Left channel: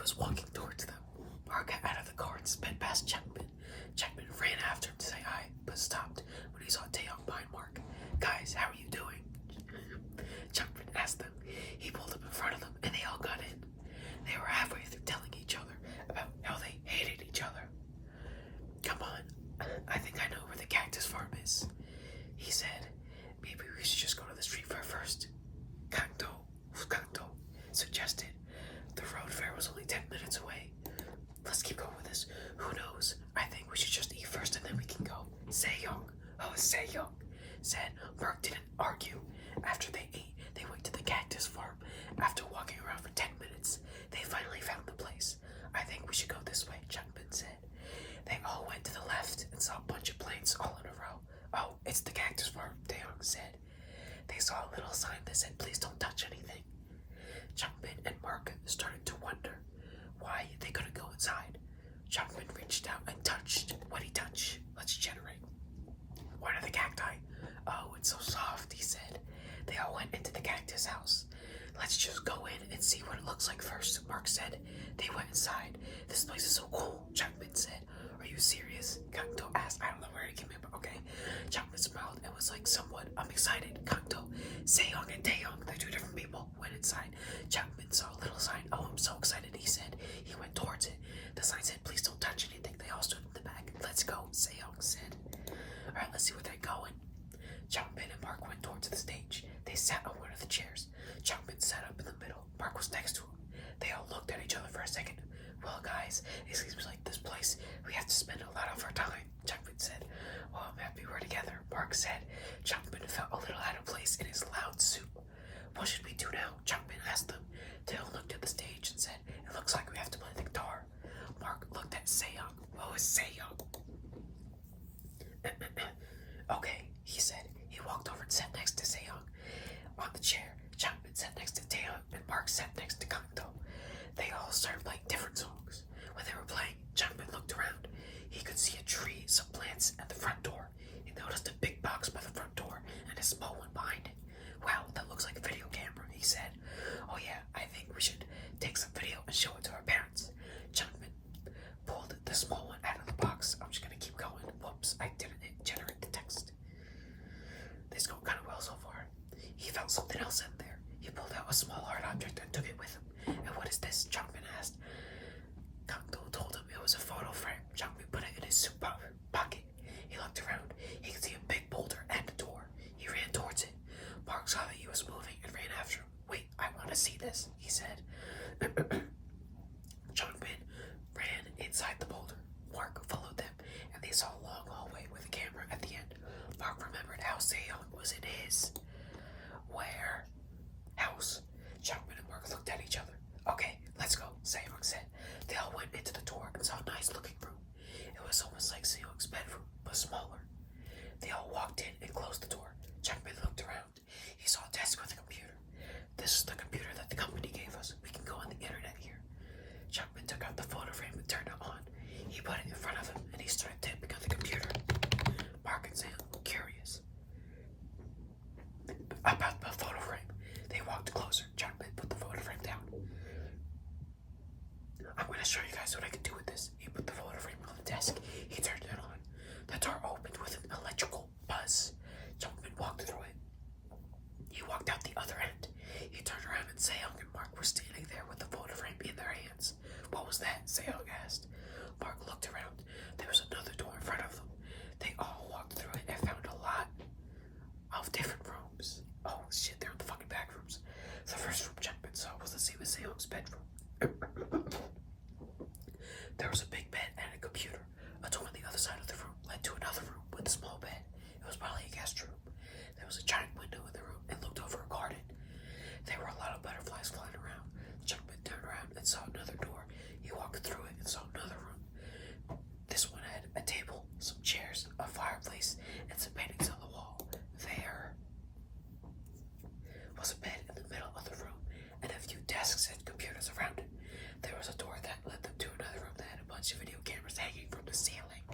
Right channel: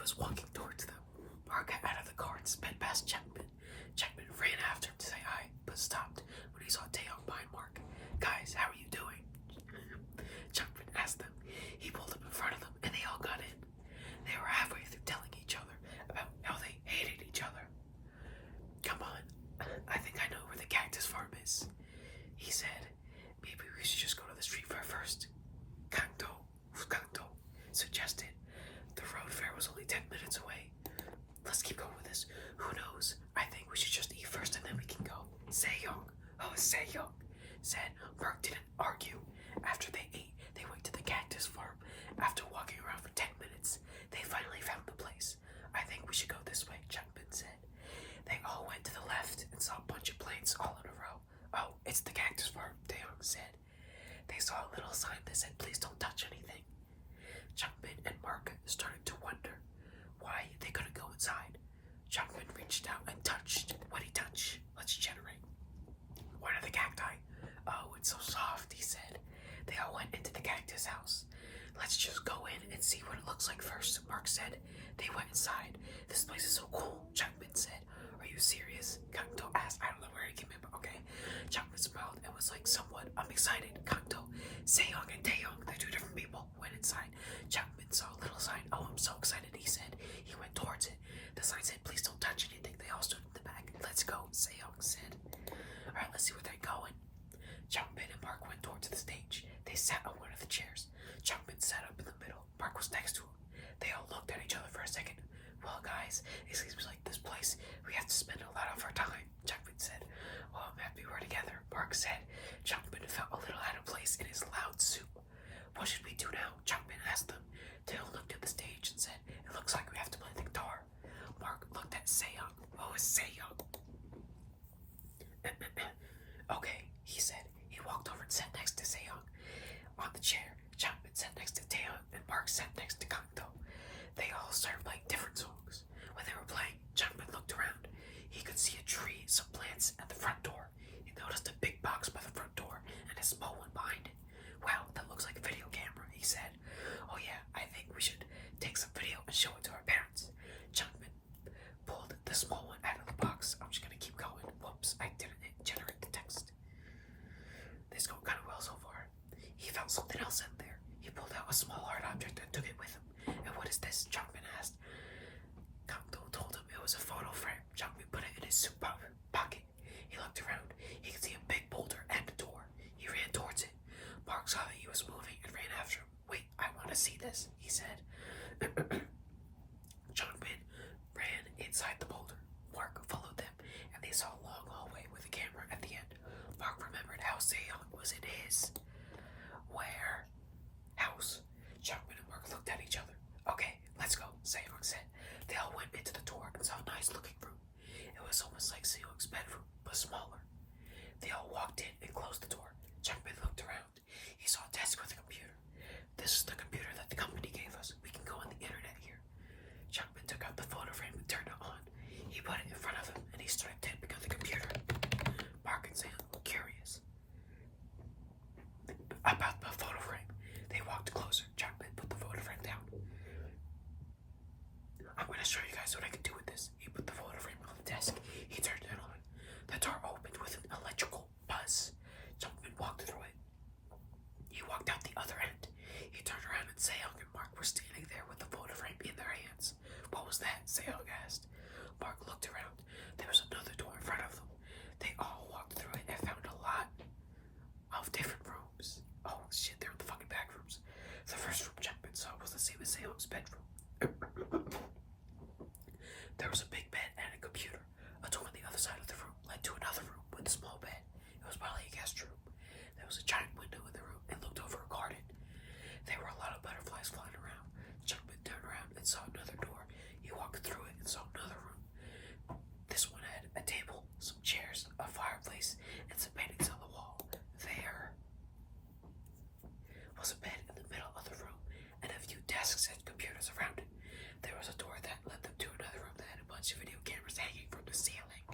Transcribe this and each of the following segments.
was walking towards them. Mark got out of the car and sped past Chapman. Chapman ran after him to say hi, but stopped when he saw Taeyong behind Mark. Guys, how are you doing? Chapman asked them. He pulled up in front of them, and they all got in. They were halfway through telling each other about how they hated each other. Come on, I think I know where the cactus farm is, he said. Maybe we should just go to the street fair first. Kanto suggested. The road fair was only 10 minutes away. Let's keep going with this. Who knows? I think we should just eat first and then we can go. Sejong said. Mark didn't argue. After they ate, they went to the cactus farm. After walking around for 10 minutes, they finally found the place. I think we should go this way, Changmin said. They all went to the left and saw a bunch of planes all in a row. Oh, it's the cactus farm, Taeyong said. They saw a little sign that said, please don't touch anything. Changmin and Mark started to wonder why they couldn't go inside. Changmin reached out and touched what he touched. Let's generate. What are the cacti? Oh, it's so soft, he said. They all went into the cactus house. Let's just go in and see what it looks like first, Mark said. They went inside. This place is so cool, Changmin said. Are you serious? Kanto asked. I don't know where he came in, but okay. Changmin smiled and was like, somewhat, I'm excited. Kanto, Sejong and Taeyong, they're two different people, went inside. Changmin saw a little sign. Oh, I'm so excited, he said. He went towards it. The sign said, please don't touch anything. They all stood in the back. Let's go, Sejong said. Alright, let's see where they're going. Changmin and Mark went towards the stage. They sat on one of the chairs. Changmin sat up in the middle. Mark was next to him. They all looked at each other for a second. Well, guys, it seems like this place, we have to spend a lot of our time, Changmin said. Well, I'm happy we're together, Mark said. Changmin felt a little out of place in his loud suit. What should we do now? Changmin asked them. Tail looked at the stage and said, it looks like we have to play the guitar. Mark looked at Sejong. What was Sejong? Okay, he said. He walked over and sat next to Sejong on the chair. Changmin sat next to Taeyong and Mark sat next to Kanto. They all started playing different songs. When they were playing, Changmin looked around. He could see a tree, some plants, and the front door. He noticed a big box by the front door and a small one behind it. Wow, that looks like a video camera, he said. Oh yeah, I think we should take some video and show it to our parents. Changmin pulled the small one out of the box. I'm just gonna keep going. Whoops, I didn't generate the text. This is going kind of well so far. He found something else in there. He pulled out a small hard object and took it with him. And what is this? Changmin asked. Kanto told him it was a photo frame. Changmin put it in his suit pocket. He looked around. He could see a big boulder and a door. He ran towards it. Mark saw that he was moving and ran after him. Wait, I want to see this, he said. Changmin ran inside the boulder. Mark followed them, and they saw a long hallway with a camera at the end. Mark remembered how Sejong was in his house. Changmin and Mark looked at each other. Okay, let's go, Sejong said. They all went into the door and saw a nice looking room. It was almost like Sejong's bedroom, but smaller. They all walked in and closed the door. Changmin looked around. He saw a desk with a computer. This is the computer that the company gave us. We can go on the internet here. Changmin took out the photo frame and turned it on. He put it in front of him and he started tapping on the computer. Mark and Sejong were curious about the photo frame. They walked closer. Changmin put the photo frame down. I'm going to show you guys what I can do with this. He put the photo frame on the desk. He turned it on. The door opened with an electrical buzz. Changmin walked through it. He walked out the other end. He turned around and Sejong and Mark were standing there with the photo frame in their hands. What was that? Sejong asked. Mark looked around. There was another door in front of them. They all walked through it and found a lot of different rooms. Oh shit, they're in the fucking back rooms. The first room Changmin saw was the same as Sejong's bedroom. There was a big bed and a computer. A door on the other side of the room led to another room with a small bed. It was probably a guest room. There was a giant window in the room and looked over a garden. There were a lot of butterflies flying around. Changmin turned around and saw another door. He walked through it and saw another room. This one had a table, some chairs, a fireplace, and some paintings on the wall. There was a bed in the middle of the room and a few desks and computers around it. There was a door that led them to another room that had a bunch of video cameras hanging from the ceiling.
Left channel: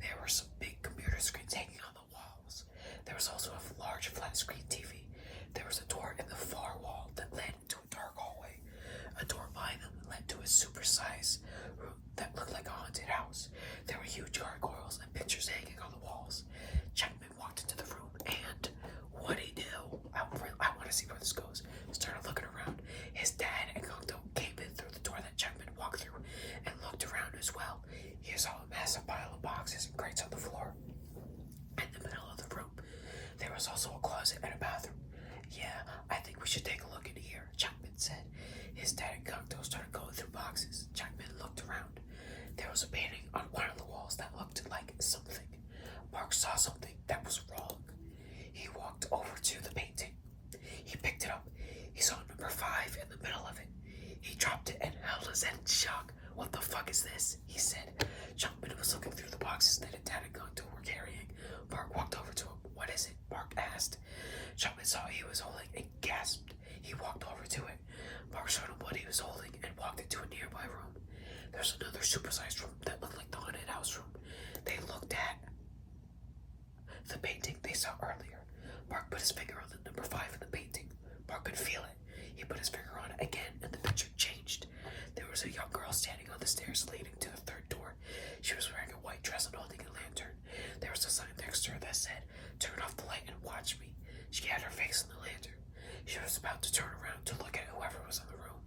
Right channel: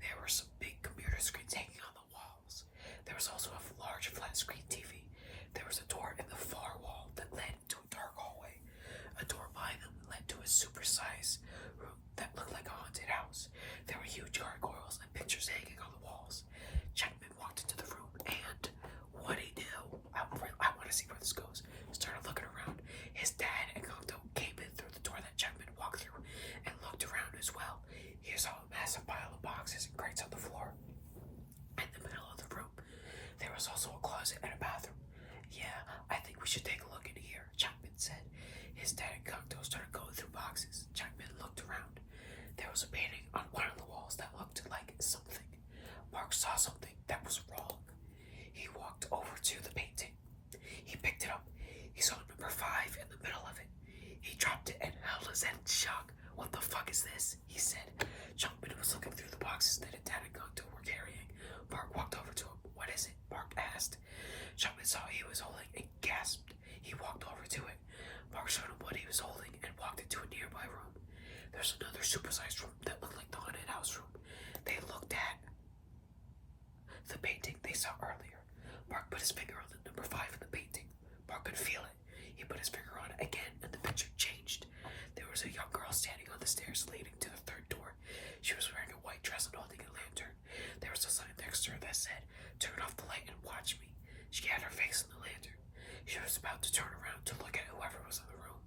There were some big computer screens hanging on the walls. There was also a large flat screen TV. There was a door in the far wall that led to a dark hallway. A door behind them led to a was also a closet and a bathroom. Yeah, I think we should take a look in here, Chapman said. His dad and Cocteau started going through boxes. Chapman looked around. There was a painting on one of the walls that looked like something. Mark saw something that was wrong. He walked over to the painting. He picked it up. He saw number 5 in the middle of it. He dropped it and held his head in shock. What the fuck is this? He said. Chapman was looking through the boxes that his dad and Cocteau were carrying. Mark walked over to him. What is it? Mark asked. Chapman saw he was holding and gasped. He walked over to it. Mark showed him what he was holding and walked into a nearby room. There's another supersized room that looked like the haunted house room. They looked at the painting they saw earlier. Mark put his finger on the number 5 in the painting. Mark could feel it. He put his finger on it again, and the picture changed. There was a young girl standing on the stairs leading to the 3rd door. She was wearing a white dress and holding a lantern. There was a sign next to her that said, "Turn off the light and watch me." She had her face in the lantern. She was about to turn around to look at whoever was in the room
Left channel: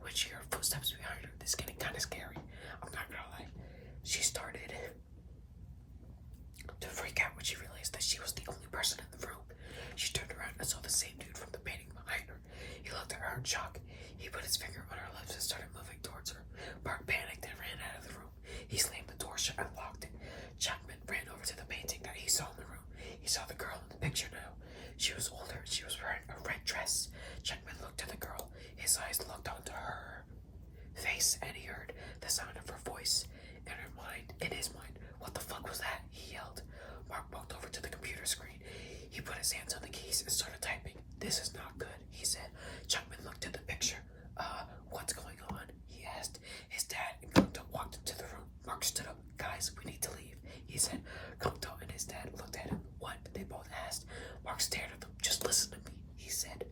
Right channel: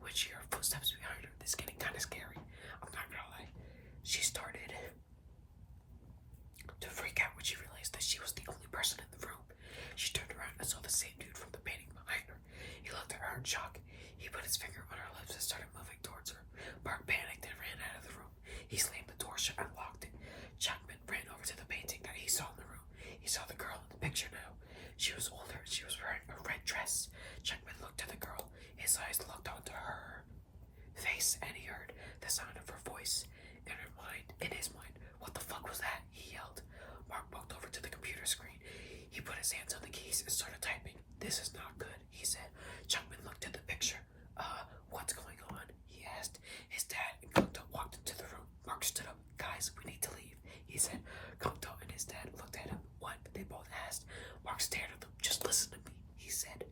when she heard footsteps behind her. This is getting kind of scary. I'm not gonna lie. She started to freak out when she realized that she was the only person in the room. She turned around and saw the same dude from the painting behind her. He looked at her in shock. He put his finger on her lips and started moving towards her. Mark panicked and ran out of the room. He slammed the door shut and locked it. Chapman ran over to the painting that he saw in the room. He saw the girl in the picture now. She was older and she was wearing a red dress. Chapman looked at the girl. His eyes looked onto her face and he heard the sound of her voice. In his mind, what the fuck was that? He yelled. Mark walked over to the computer screen. He put his hands on the keys and started typing. This is not good, he said. Chapman looked at the picture. What's going on? He asked. His dad and Cocteau walked into the room. Mark stood up. Guys, we need to leave, he said. Cocteau and his dad looked at him. What? They both asked. Mark stared at them. Just listen to me, he said.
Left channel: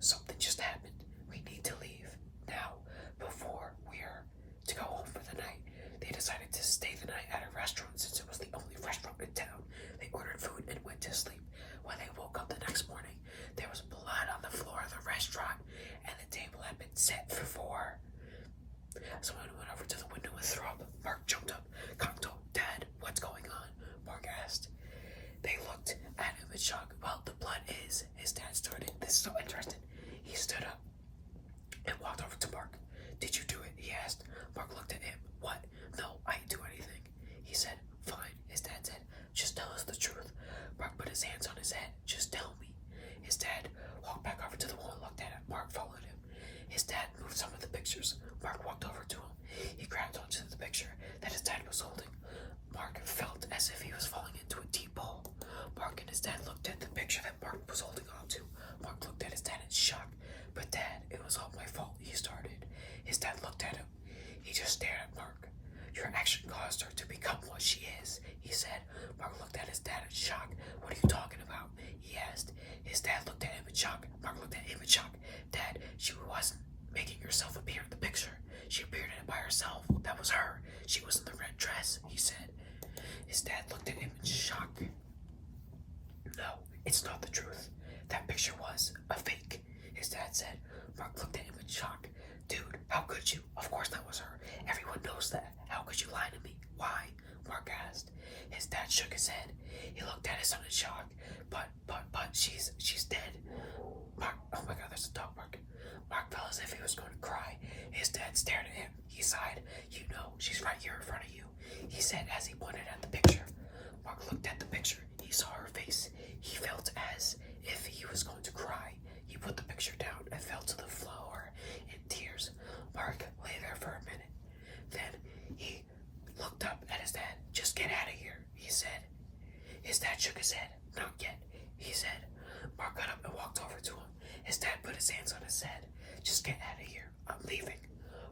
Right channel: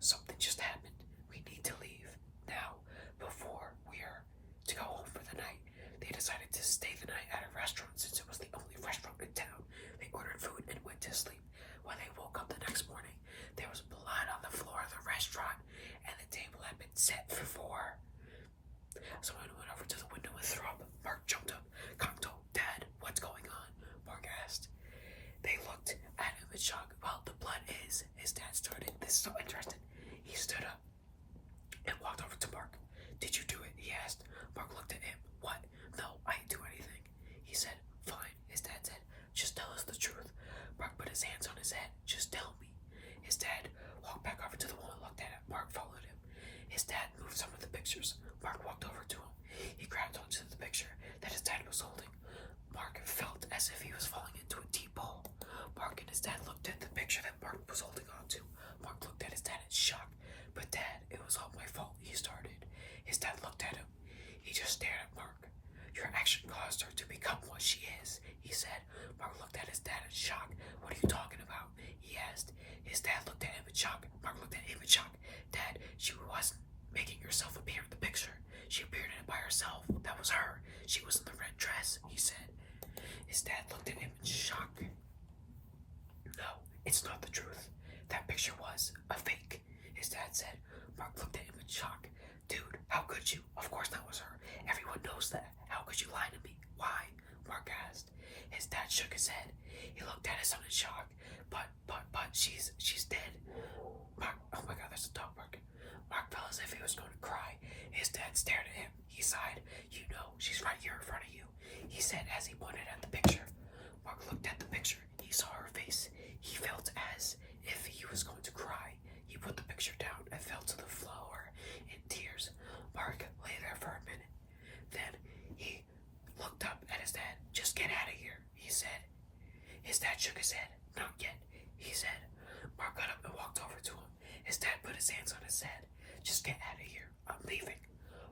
Something just happened. We need to leave now before we're to go home for the night. They decided to stay the night at a restaurant since it was the only restaurant in town. They ordered food and went to sleep. When they woke up the next morning, there was blood on the floor of the restaurant and the table had been set for 4. Someone went over to the window and threw up. Mark jumped up. Cocteau, Dad, what's going on? Mark asked. They looked at him in shock. Well, the blood is, his dad started. This is so interesting. He stood up and walked over to Mark. Did you do it? He asked. Mark looked at him. What? No, I didn't do anything. He said, fine. His dad said, just tell us the truth. Mark put his hands on his head. Just tell me. His dad walked back over to the wall and looked at it. Mark followed him. His dad moved some of the pictures. Mark walked over to him. He grabbed onto the picture that his dad was holding. Mark felt as if he was falling into a deep hole. Mark and his dad looked at the picture that Mark was holding onto. Mark looked at his dad in shock. But Dad, it was all my fault, he started. His dad looked at him. He just stared at Mark. Your action caused her to become what she is, he said. Mark looked at his dad in shock. What are you talking about? He asked. His dad looked at him in shock. Mark looked at him in shock. Dad, she wasn't making herself appear in the picture. She appeared in it by herself. That was her. She was in the red dress, he said. His dad looked at him in shock. No, it's not the truth. That picture was a fake, his dad said. Mark looked at him in shock. Dude, how could you? Of course that was her. Everyone knows that. How could you lie to me? Why? Mark asked. His dad shook his head. He looked at his son in shock. But she's dead. Mark, oh my god, there's a dog barking. Mark felt as if he was going to cry. His dad stared at him. He sighed. You know, she's right here in front of you, he said as he pointed at the picture. Mark looked at the picture. He saw her face. He felt as if he was going to cry. He put the picture down and fell to the floor in tears. Mark lay there for a minute. Then he looked up at his dad. Just get out of here, he said. His dad shook his head. Not yet, he said. Mark got up and walked over to him. His dad put his hands on his head. Just get out of here. I'm leaving.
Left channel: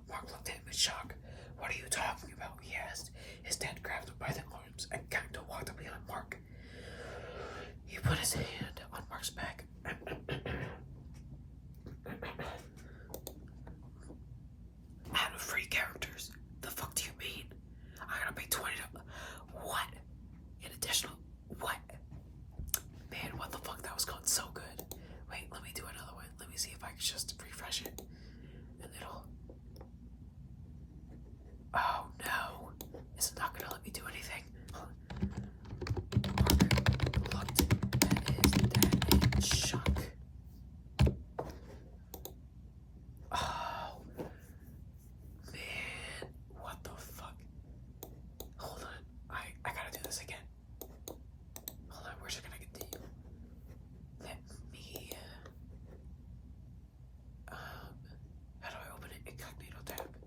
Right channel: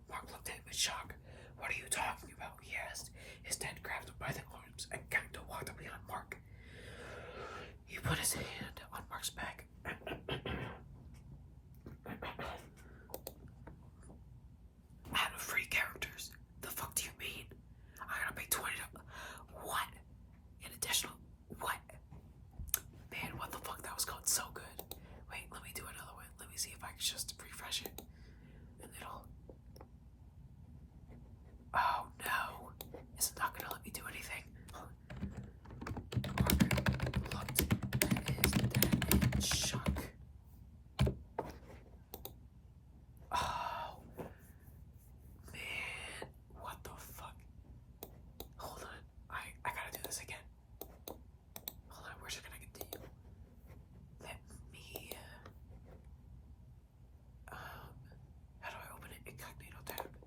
Mark looked at him in shock. What are you talking about? He asked. His dad grabbed him by the arms and kind of walked up behind Mark. He put his hand on Mark's back. Out of free characters. The fuck do you mean? I gotta pay $20. What? An additional. What? Man, what the fuck? That was going so good. Wait, let me do another one. Let me see if I can just refresh it. And it'll. Oh no. Is it not gonna let me do anything? Mark looked at his dad. tap.